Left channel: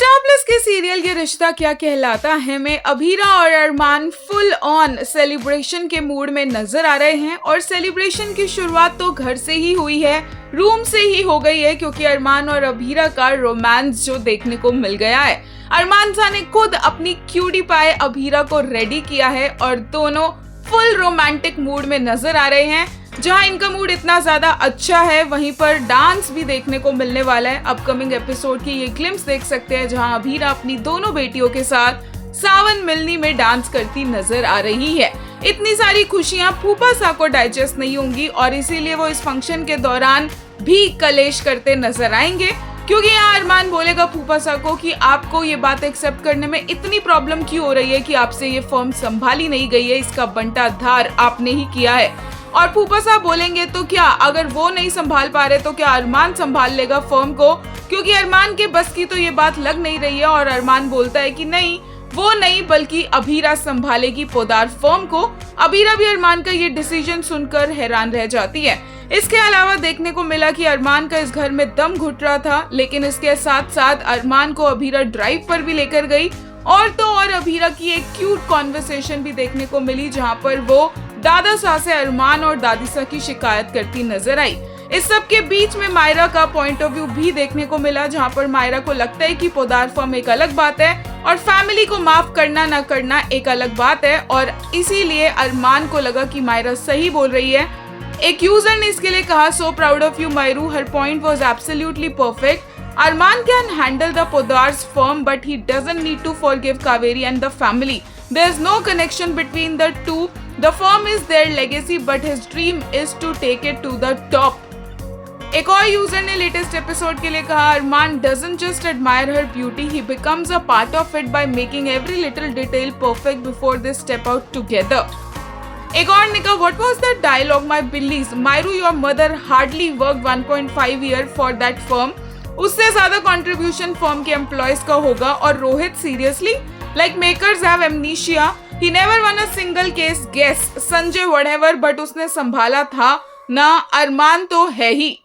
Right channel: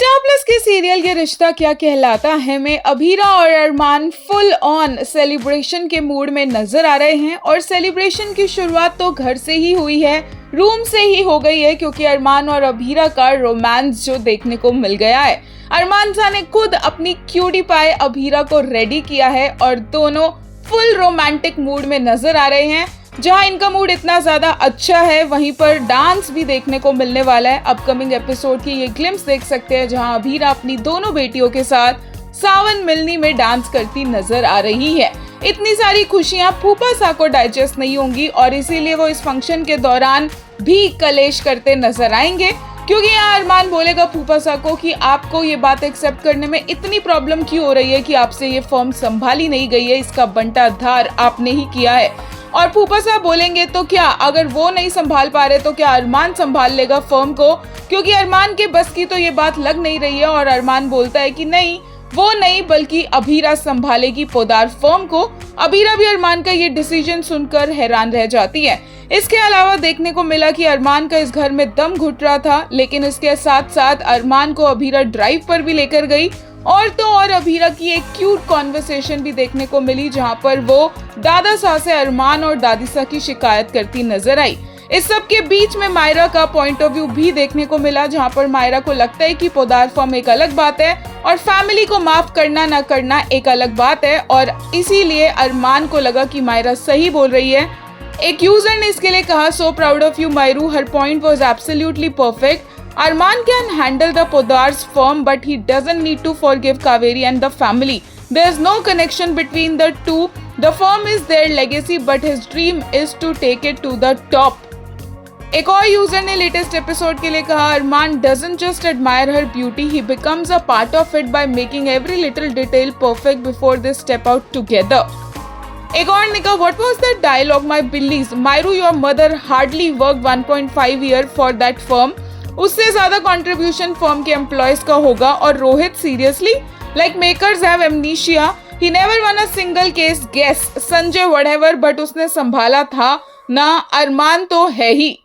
Star plus के serial ये रिश्ता क्या कहलाता है में अभीरा और अरमान फुल ऑन सेलिब्रेशन के मूड में नजर आ रहे हैं और सेलिब्रेशन की शुरुआत तो घर से ही हुई है, रूम से ही हो गई है, क्योंकि अरमान और अभीरा का रोमांस जो देखने को मिल गया है। अरमान सा ने खुद अपनी क्यूटी पाए अभीरा को रेडी किया है और दोनों फुल रोमांटिक मूड में नजर आ रहे हैं। जहां इनका मूड इतना ज्यादा अच्छा है, वहीं पर डांस भी देखने को मिलने वाला है। अपकमिंग एपिसोड की ये ग्लिम्स देख सकते हैं जहां अभीरा अपनी दोनों बेटियों के साथ सावन मिलनी में डांस करती नजर आ रही है। इतनी सारी खुशियां फूफा सा को डाइजेस्ट नहीं होंगी और इसीलिए वो इस फंक्शन के दौरान भी कलेश करते नजर आएंगे, क्योंकि यहाँ अरमान बोलेगा फूफा सा को कि आपको ये बात एक्सेप्ट करने में इतनी प्रॉब्लम क्यों हो रही है कि आपसे ये फॉर्म संभाली नहीं गई है, इसका बंटाधार आपने ही किया है। और फूफा साहब बोलेंगे तो क्या अगर वो नहीं संभाल पा रहे तो क्या अरमान संभाल लेगा फर्म को, क्योंकि अरमान के बस की तो ये बात लग नहीं रही है। और अरमान बोलता है कि नहीं, वो नहीं बल्कि अभीरा संभालेगी पोदार फर्म को। अभीरा भी अरमान का ये डिसीजन सुनकर हैरान रह जाती है। इसके अलावा देखने को मिला कि अरमान का इस घर में दम घुट रहा था, लेकिन इसके साथ साथ अरमान को अभीरा ड्राइव पर भी लेकर गई और तो और अभीरा की एक क्यूट कॉन्वर्सेशन भी देखने को मिली, जहां पर वो दादा सा से अरमान और दादी सा की शिकायत करती नजर आई। इस सब के बीच में मायरा का पॉइंट ऑफ व्यू भी देखने को मिला, जहां पर मायरा को लगता है कि पोदार फॉर्म एक अलग बात है और फैमिली को माफ करना ना करना एक अलग बात है, और इसीलिए अरमान को लगा कि मायरा सही बोल रही है। एक यूजर ने इसके लिए कहा, so proud of you Mayru, हर point was absolutely perfect. Arman can handle the Podar's firm, but he doesn't need to forgive Kaveri and the family. There's no connection between the two. The firm is their legacy, but his dream is to take it to the top. एक और user ने latest episode के लिए कहा, अरमान doesn't just admire her beauty, he becomes a part of it by making every little detail perfect before they step out together. एक और ने कहा, what was that dialogue, my billies? Myru, your mother hardly worked 1.5 year for that firm. उससे ज्यादा contribution firm के employees का होगा। और Rohit, seriously, like makers have amnesia, he never won a single case guess, Sanjay whatever, but उसने संभाला था ना, अरमान तो है ही।